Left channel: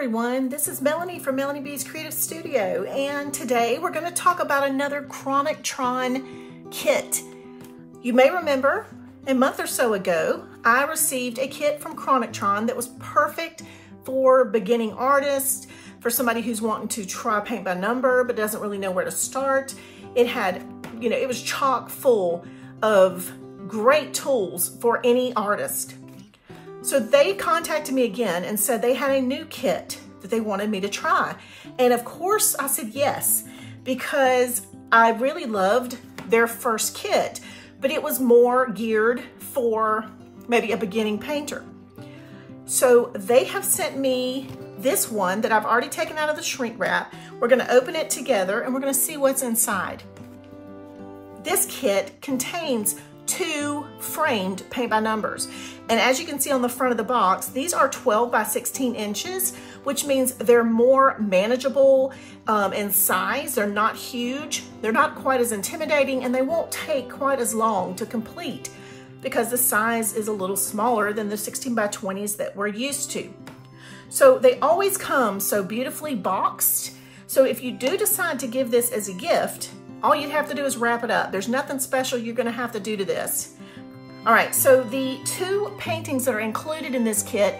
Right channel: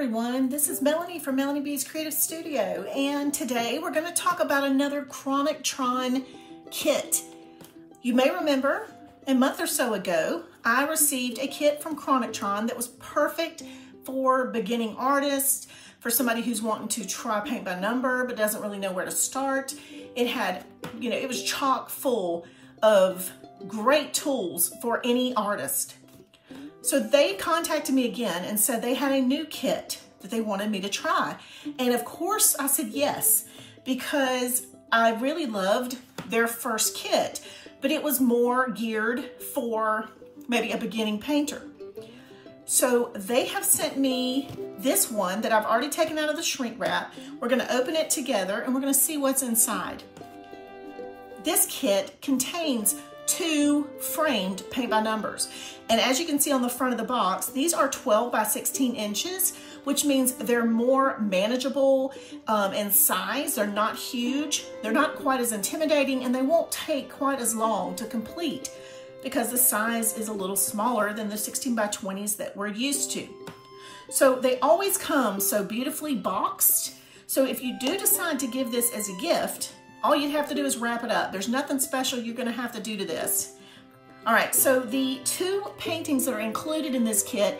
everyone, this is Melanie from Melanie B's Creative Studio, and today we're going to talk about another Kronictron kit. You may remember a month or so ago I received a kit from Kronictron that was perfect for beginning artists, for somebody who's wanting to try paint by number but doesn't really know where to start. It had, it was chock full of great tools for any artist. So they contacted me again and said they had a new kit that they wanted me to try. And of course I said yes, because I really loved their first kit, but it was more geared for maybe a beginning painter. So they have sent me this one that I've already taken out of the shrink wrap. We're gonna open it together and we're gonna see what's inside. This kit contains 2 framed paint by numbers. And as you can see on the front of the box, these are 12 by 16 inches, which means they're more manageable in size. They're not huge, they're not quite as intimidating, and they won't take quite as long to complete because the size is a little smaller than the 16 by 20s that we're used to. So they always come so beautifully boxed. So if you do decide to give this as a gift, all you have to do is wrap it up. There's nothing special you're gonna have to do to this. All right, so the 2 paintings that are included in this kit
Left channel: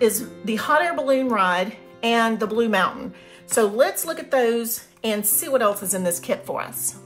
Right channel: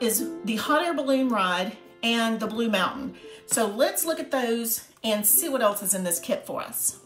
is the hot air balloon ride and the Blue Mountain. So let's look at those and see what else is in this kit for us.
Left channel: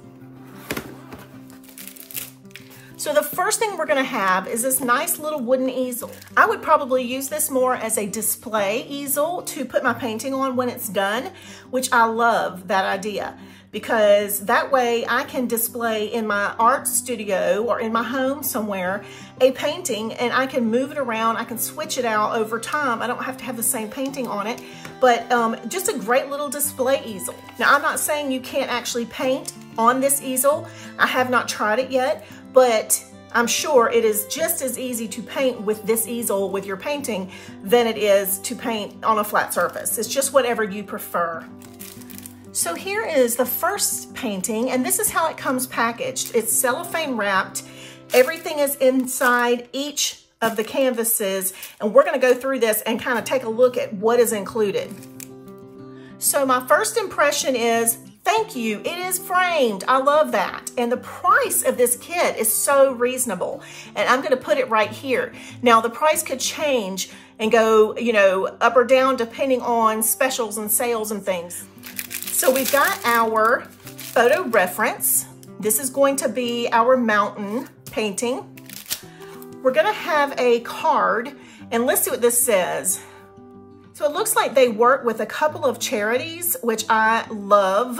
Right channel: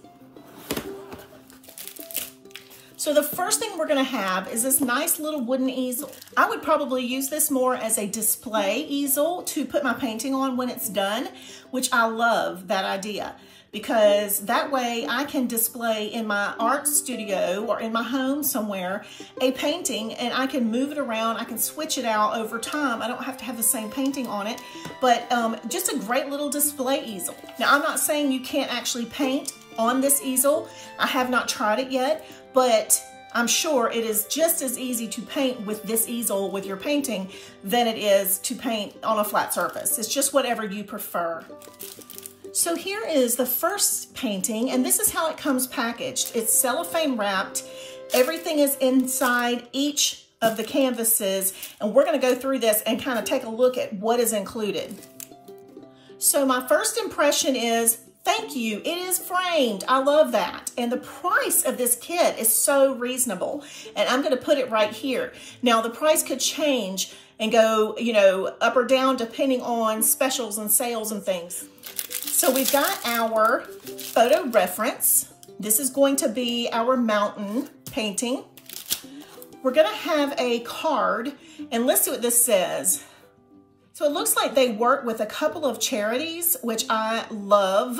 So the first thing we're gonna have is this nice little wooden easel. I would probably use this more as a display easel to put my painting on when it's done, which I love that idea, because that way I can display in my art studio or in my home somewhere a painting, and I can move it around, I can switch it out over time. I don't have to have the same painting on it, but just a great little display easel. Now, I'm not saying you can't actually paint on this easel. I have not tried it yet, but I'm sure it is just as easy to paint with this easel with your painting than it is to paint on a flat surface. It's just whatever you prefer. So here is the first painting, and this is how it comes packaged. It's cellophane wrapped. Everything is inside each of the canvases, and we're gonna go through this and kind of take a look at what is included. So my first impression is, thank you, it is framed. I love that. And the price of this kit is so reasonable. And I'm gonna put it right here. Now the price could change and go, up or down depending on specials and sales and things. So we've got our photo reference. This is going to be our mountain painting. We're gonna have a card, and let's see what this says. So it looks like they work with a couple of charities, which I love.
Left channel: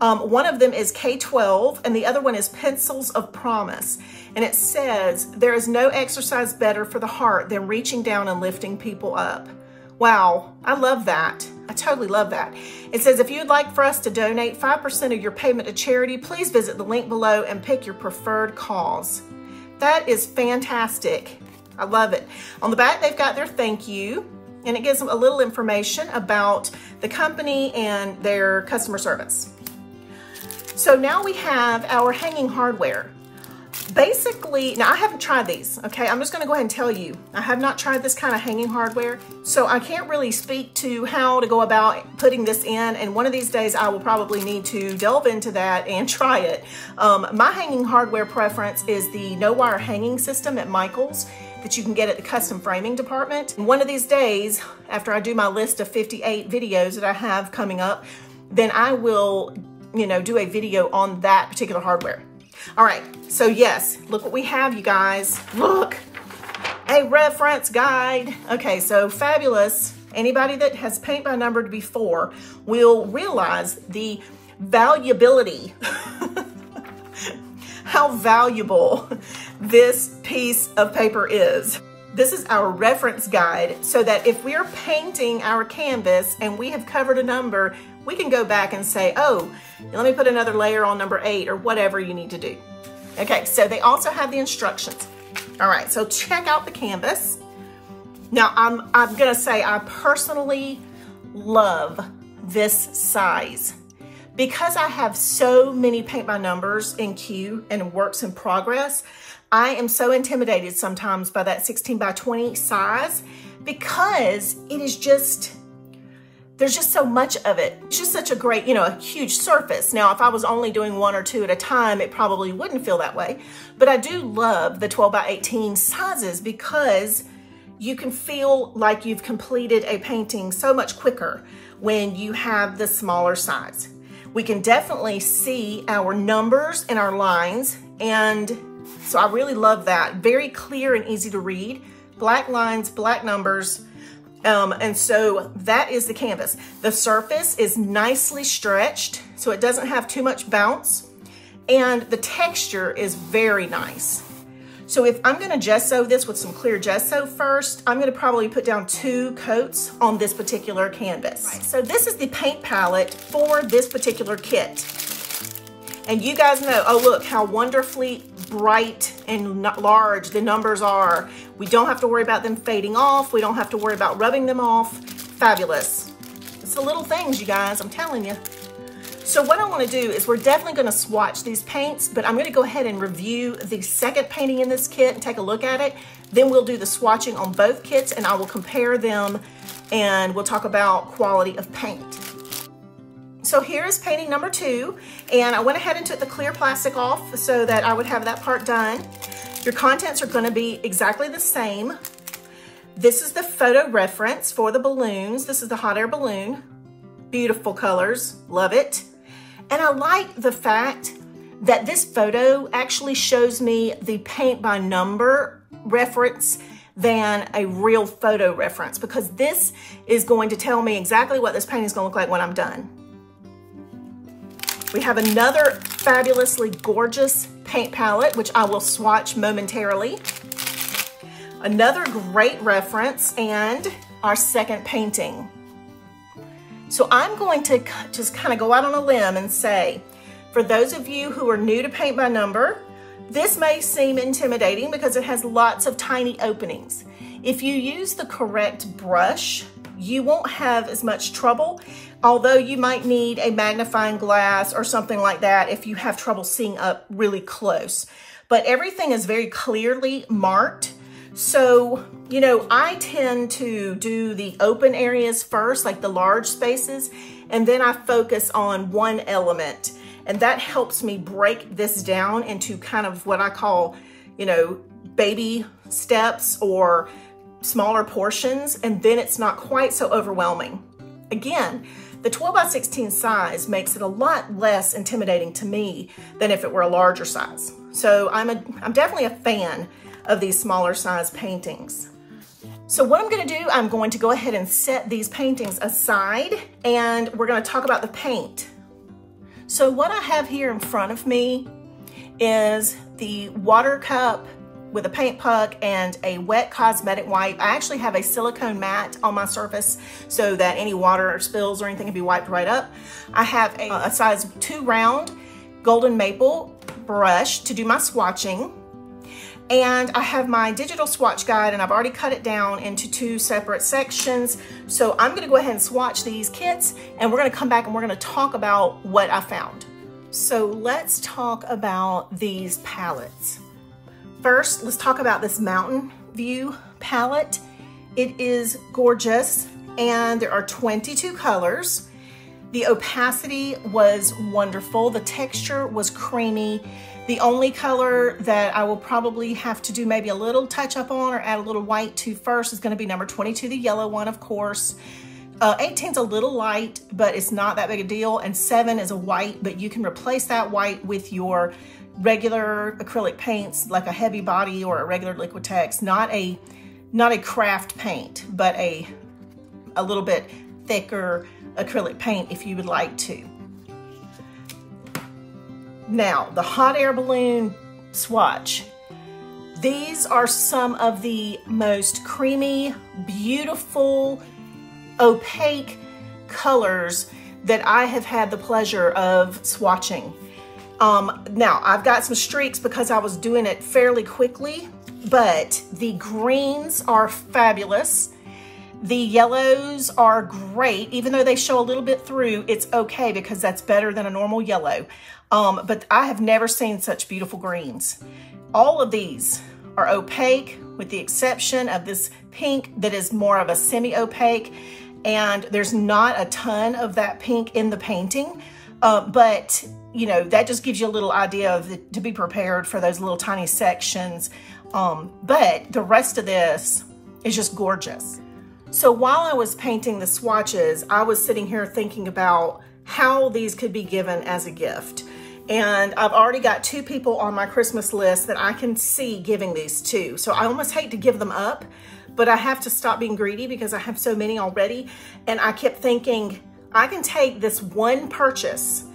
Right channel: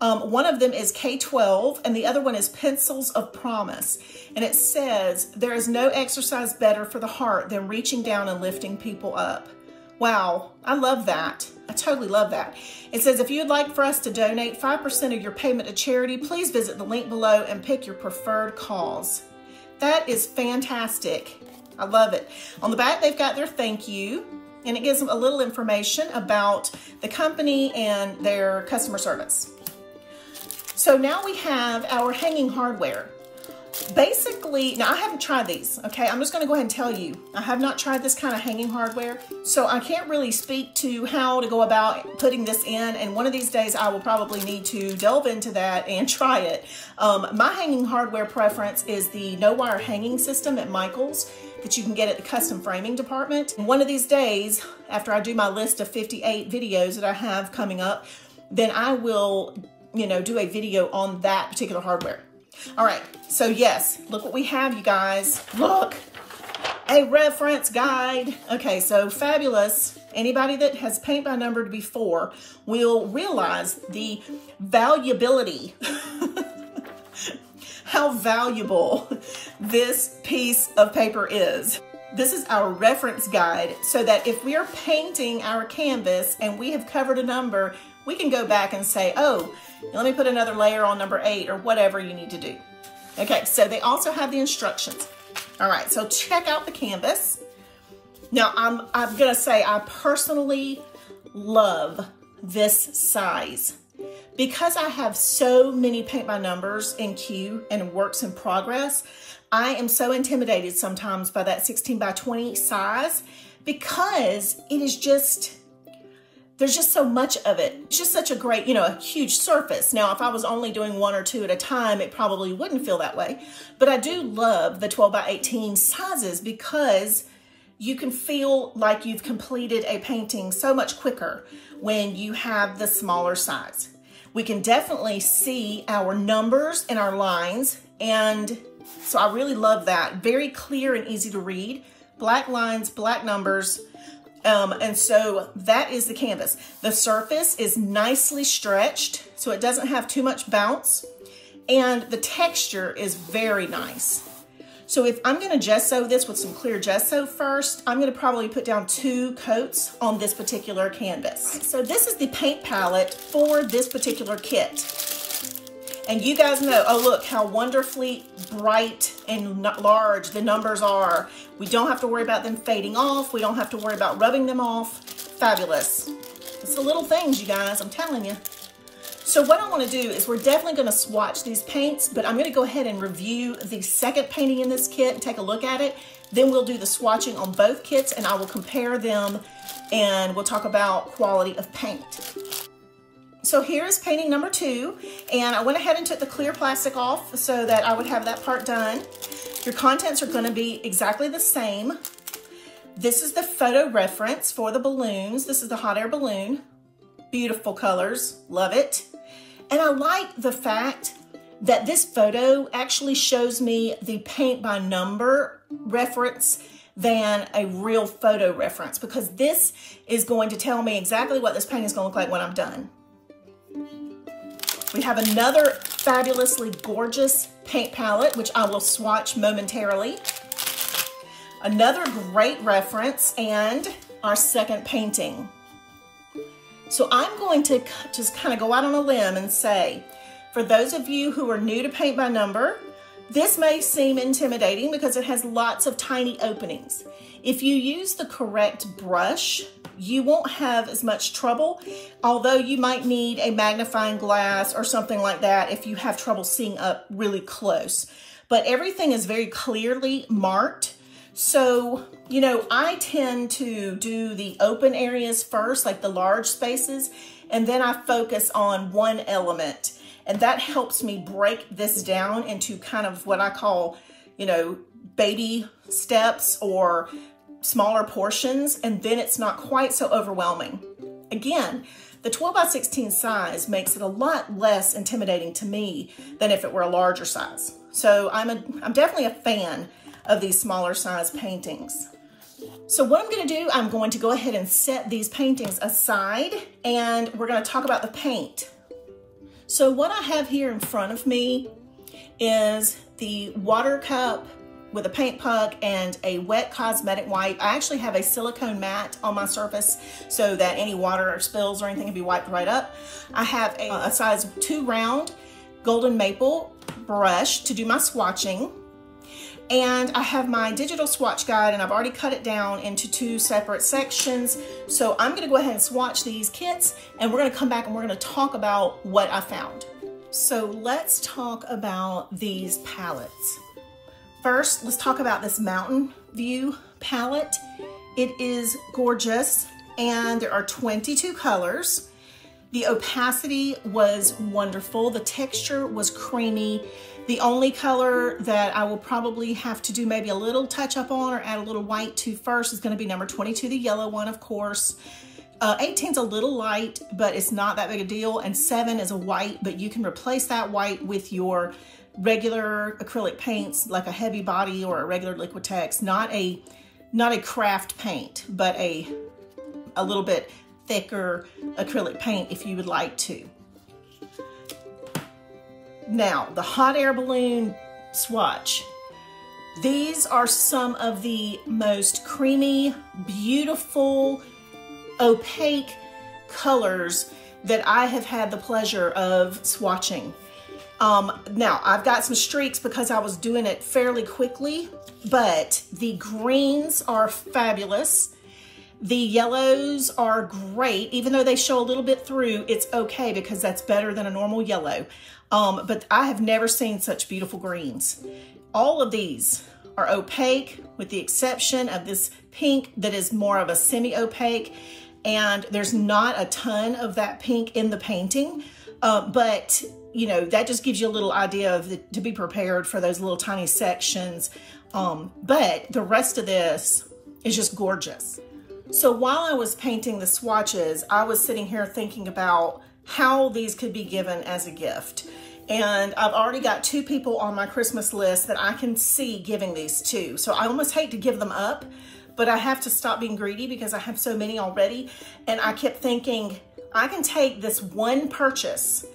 One of them is K-12, and the other one is Pencils of Promise. And it says, there is no exercise better for the heart than reaching down and lifting people up. Wow, I love that. I totally love that. It says, if you'd like for us to donate 5% of your payment to charity, please visit the link below and pick your preferred cause. That is fantastic. I love it. On the back, they've got their thank you, and it gives them a little information about the company and their customer service. So now we have our hanging hardware. Basically, now I haven't tried these, okay? I'm just gonna go ahead and tell you, I have not tried this kind of hanging hardware, so I can't really speak to how to go about putting this in, and one of these days I will probably need to delve into that and try it. My hanging hardware preference is the no-wire hanging system at Michael's that you can get at the custom framing department. One of these days, after I do my list of 58 videos that I have coming up, then I will, do a video on that particular hardware. All right, so yes, look what we have, you guys. Look, a reference guide. Okay, so fabulous. Anybody that has paint by numbered before will realize the valuability, how valuable this piece of paper is. This is our reference guide, so that if we are painting our canvas and we have covered a number, we can go back and say, oh, let me put another layer on number 8 or whatever you need to do. Okay, so they also have the instructions. All right, so check out the canvas. Now, I'm gonna say I personally love this size. Because I have so many paint by numbers in queue and works in progress, I am so intimidated sometimes by that 16 by 20 size because it is just there's just so much of it. It's just such a great, you know, a huge surface. Now, if I was only doing 1 or 2 at a time, it probably wouldn't feel that way. But I do love the 12 by 18 sizes because you can feel like you've completed a painting so much quicker when you have the smaller size. We can definitely see our numbers and our lines, and so I really love that. Very clear and easy to read. Black lines, black numbers, and so that is the canvas. The surface is nicely stretched, so it doesn't have too much bounce, and the texture is very nice. So if I'm gonna gesso this with some clear gesso first, I'm gonna probably put down 2 coats on this particular canvas. So this is the paint palette for this particular kit. And you guys know, oh look how wonderfully bright and large the numbers are. We don't have to worry about them fading off. We don't have to worry about rubbing them off. Fabulous. It's the little things, you guys, I'm telling you. So what I want to do is we're definitely going to swatch these paints, but I'm going to go ahead and review the second painting in this kit and take a look at it. Then we'll do the swatching on both kits and I will compare them and we'll talk about quality of paint. So here is painting number 2, and I went ahead and took the clear plastic off so that I would have that part done. Your contents are going to be exactly the same. This is the photo reference for the balloons. This is the hot air balloon. Beautiful colors, love it. And I like the fact that this photo actually shows me the paint by number reference than a real photo reference, because this is going to tell me exactly what this painting is going to look like when I'm done. We have another fabulously gorgeous paint palette, which I will swatch momentarily. Another great reference and our second painting. So I'm going to just kind of go out on a limb and say, for those of you who are new to paint by number, this may seem intimidating because it has lots of tiny openings. If you use the correct brush, you won't have as much trouble, although you might need a magnifying glass or something like that if you have trouble seeing up really close. But everything is very clearly marked. So, you know, I tend to do the open areas first, like the large spaces, and then I focus on one element. And that helps me break this down into kind of what I call, you know, baby steps or smaller portions, and then it's not quite so overwhelming. Again, the 12 by 16 size makes it a lot less intimidating to me than if it were a larger size. So I'm definitely a fan of these smaller size paintings. So what I'm gonna do, I'm going to go ahead and set these paintings aside and we're gonna talk about the paint. So what I have here in front of me is the water cup with a paint puck and a wet cosmetic wipe. I actually have a silicone mat on my surface so that any water or spills or anything can be wiped right up. I have a size 2 round golden maple brush to do my swatching. And I have my digital swatch guide and I've already cut it down into 2 separate sections. So I'm gonna go ahead and swatch these kits and we're gonna come back and we're gonna talk about what I found. So let's talk about these palettes. First, let's talk about this Mountain View palette. It is gorgeous and there are 22 colors. The opacity was wonderful. The texture was creamy. The only color that I will probably have to do maybe a little touch up on or add a little white to first is gonna be number 22, the yellow one, of course. 18's a little light, but it's not that big a deal. And 7 is a white, but you can replace that white with your regular acrylic paints, like a heavy body or a regular Liquitex, not a craft paint, but a little bit thicker acrylic paint if you would like to. Now, the hot air balloon swatch. These are some of the most creamy, beautiful, opaque colors that I have had the pleasure of swatching. Now, I've got some streaks because I was doing it fairly quickly, but the greens are fabulous. The yellows are great. Even though they show a little bit through, it's okay because that's better than a normal yellow. But I have never seen such beautiful greens. All of these are opaque with the exception of this pink that is more of a semi-opaque. and there's not a ton of that pink in the painting, but you know, that just gives you a little idea of to be prepared for those little tiny sections. But the rest of this is just gorgeous. So while I was painting the swatches, I was sitting here thinking about how these could be given as a gift. And I've already got 2 people on my Christmas list that I can see giving these to. So I almost hate to give them up, but I have to stop being greedy because I have so many already. And I kept thinking, I can take this one purchase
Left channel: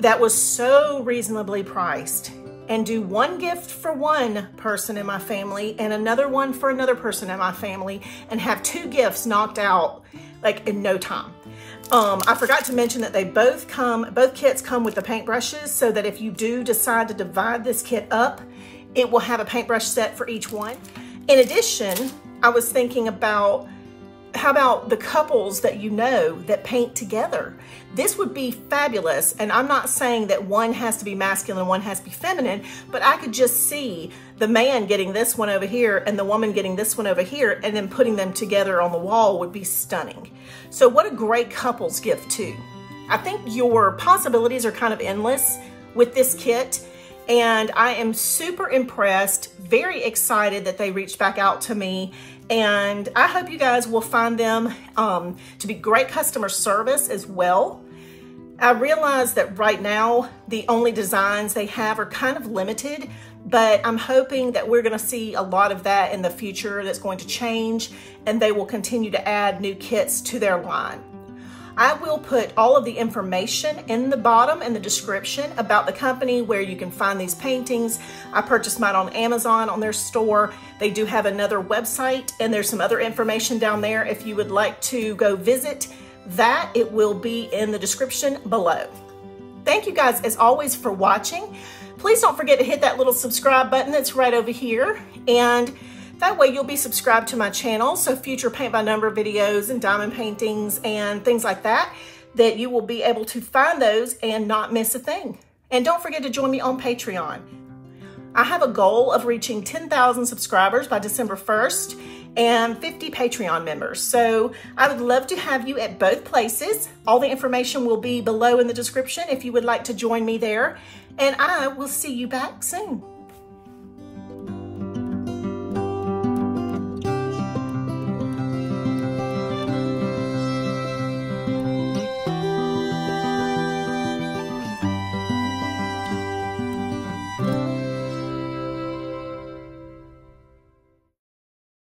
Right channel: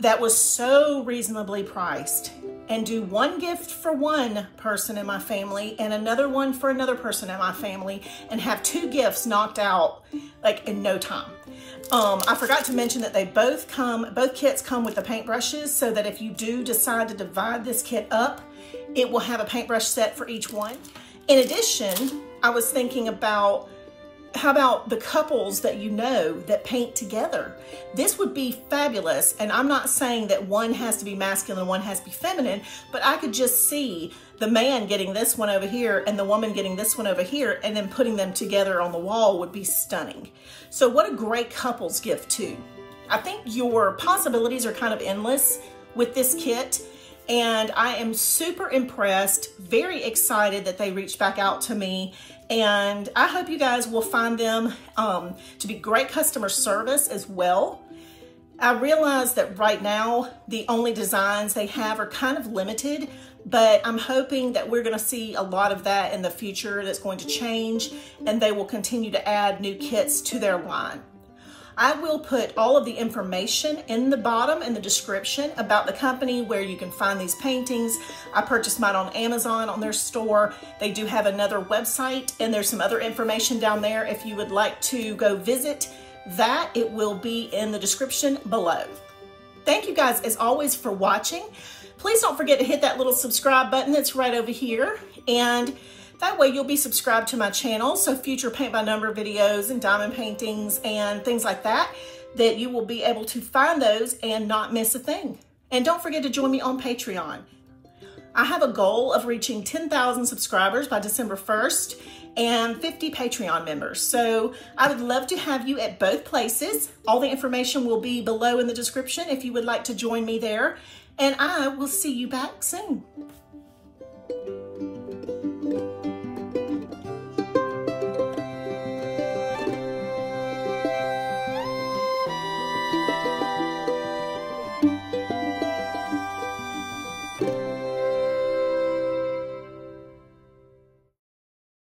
that was so reasonably priced and do one gift for one person in my family and another one for another person in my family and have 2 gifts knocked out like in no time. I forgot to mention that they both kits come with the paintbrushes, so that if you do decide to divide this kit up, it will have a paintbrush set for each one. In addition, I was thinking about, how about the couples that you know that paint together? This would be fabulous. And I'm not saying that one has to be masculine and one has to be feminine, but I could just see the man getting this one over here and the woman getting this one over here, and then putting them together on the wall would be stunning. So what a great couples gift too. I think your possibilities are kind of endless with this kit, and I am super impressed, very excited that they reached back out to me, and I hope you guys will find them to be great customer service as well. I realize that right now, the only designs they have are kind of limited, but I'm hoping that we're gonna see a lot of that in the future that's going to change, and they will continue to add new kits to their line. I will put all of the information in the bottom in the description about the company, where you can find these paintings. I purchased mine on Amazon on their store. They do have another website, and there's some other information down there if you would like to go visit that. It will be in the description below. Thank you guys as always for watching. Please don't forget to hit that little subscribe button that's right over here, and that way you'll be subscribed to my channel, so future paint by number videos and diamond paintings and things like that, that you will be able to find those and not miss a thing. And don't forget to join me on Patreon. I have a goal of reaching 10,000 subscribers by December 1st and 50 Patreon members. So I would love to have you at both places. All the information will be below in the description if you would like to join me there. And I will see you back soon.